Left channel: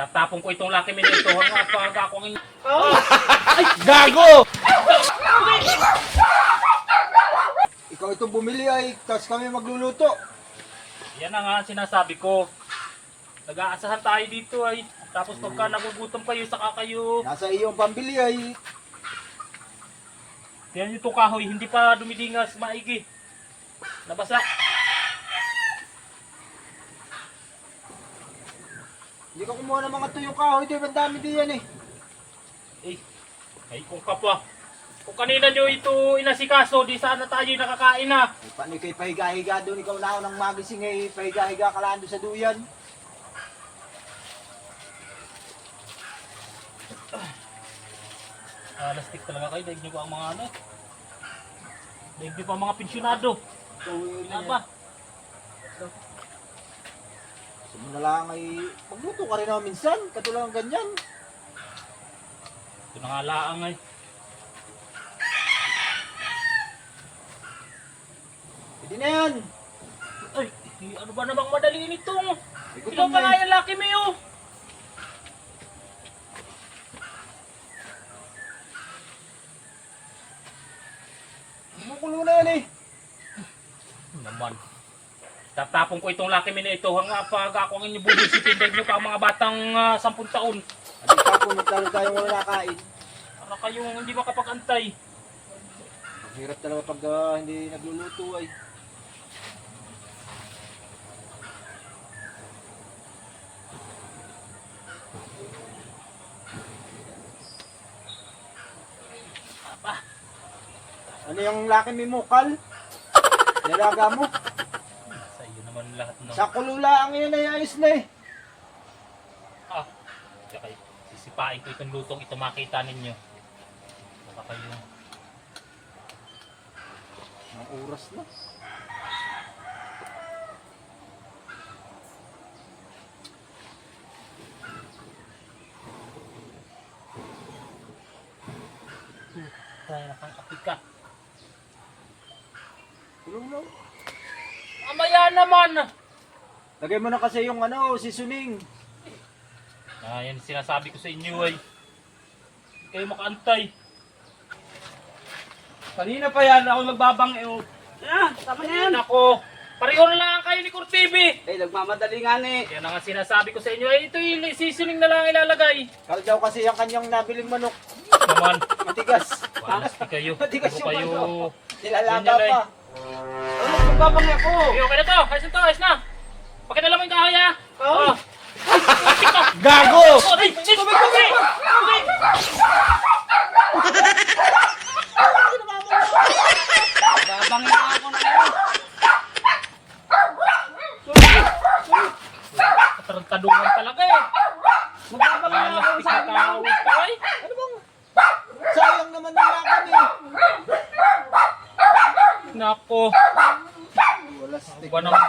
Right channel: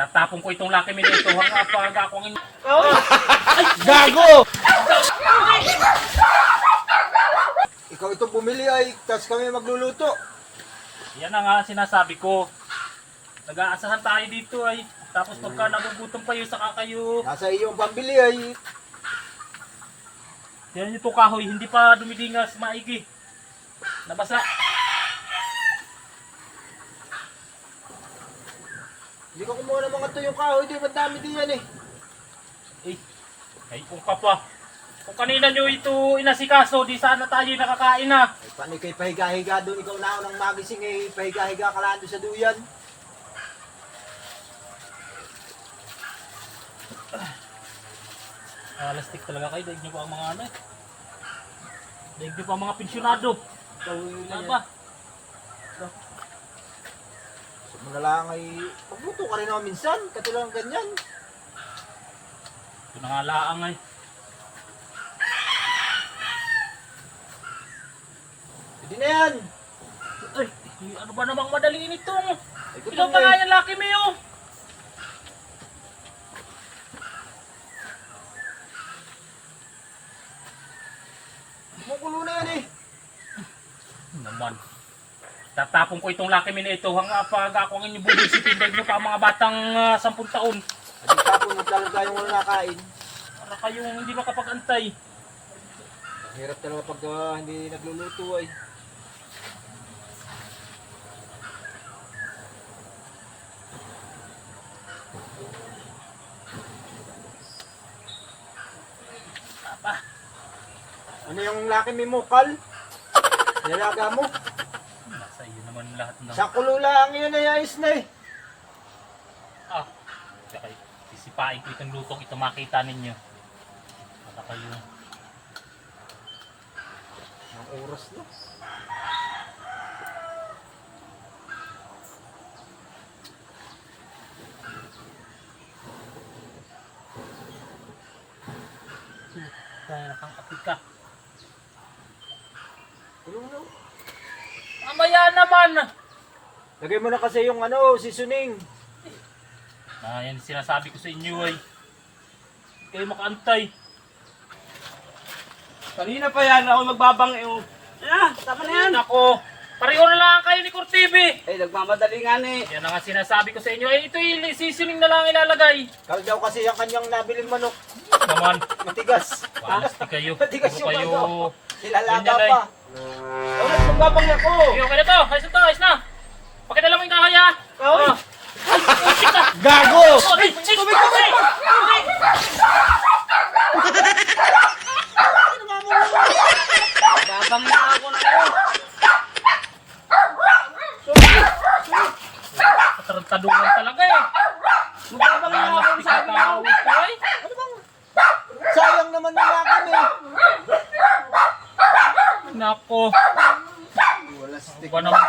Tatapon ko itong Lucky Me nito hanggang pag ako ang... Gago! Ikaw itong bumili ay, tapos kami magluluto. Yan na nga sinasabi ko. Nag-aasahan tayo dito ay. Tapos pagka nagugutom kayo, saka kayo... Nasa iyong pambili ay, Yan yung kahoy, hindi pa dumilingas maigi. Nabasa. hindi ka kumuha ng mga tuyong kahoy, di ba dami din yan eh. Ay kung ka pa. Kung kanina nyo ito inasikaso, di sana tayo nakakain na. Ay, paano kay pahiga-higa doon, ikaw na ako ng magising ay pahiga-higa ka lang doon sa duyan. Lastik talaga kayo, daig nyo pa ang mga ano. Daig nyo pa ang mga pensyonado. Aba. So mo na lang ay, pagluto ka rin naman minsan, katulad ng ganyan. Ito na nga laang ay. Hindi na yan. Ay, ano ba namang madali nitong? Ay, Ikaw gutom pa na nga eh. yan, Lucky Me, oh. Kumukulo na yan eh. Naman. Tatapon ko itong Lucky Me na ito hanggang pag ako ang inyong bubusitin dahil nyo pa ang mga batang 10 taon. At tapon na talaga yung wala nakain. Para kayong hindi makapag-antay. Ang hirap talaga pag hindi nagluluto ay. Aba. Ano yung laki may mukal? Nalaga mo? Nasa iyo naman lahat ng... Sa kulula ang yun ay ayos na eh. Ah, kaya kayo. Sisipain ko itong lutong ito makita ninyo. Para kayo... Ang oras na. Kaya nakangapit ka. Tulong na. Mamaya naman! Lagay mo na kasi yung ano, seasoning. Yan sinasabi ko sa inyo ay. Hindi kayo makaantay. Kanina pa yan, ako nagbabang tama na yan. Ako, pareho na lang kayo ni Cortibi. Eh, nagmamadali nga ni. Yan ang nga sinasabi ko sa inyo. Ay, ito yung seasoning na lang ilalagay. Kala daw kasi yung kanyang nabiling manok. Naman, Matigas. walasti kayo. Matigas Puro yung kayo. ano. Nilalaga Ganyan ay. pa. Ano, nagbabang ako. Okay, okay na to. Ayos na to, ayos na. Pakidala mo yung kahoy ha. Kahoy? Gago! Gago! Tubig! Babang na ako na yun. Katarantadungan talaga eh. Magbabang na ako Walastik sa na tawag ka eh. Ano bang? Sayang naman yung lakan eh. Nako. Wala stick. Ba naman?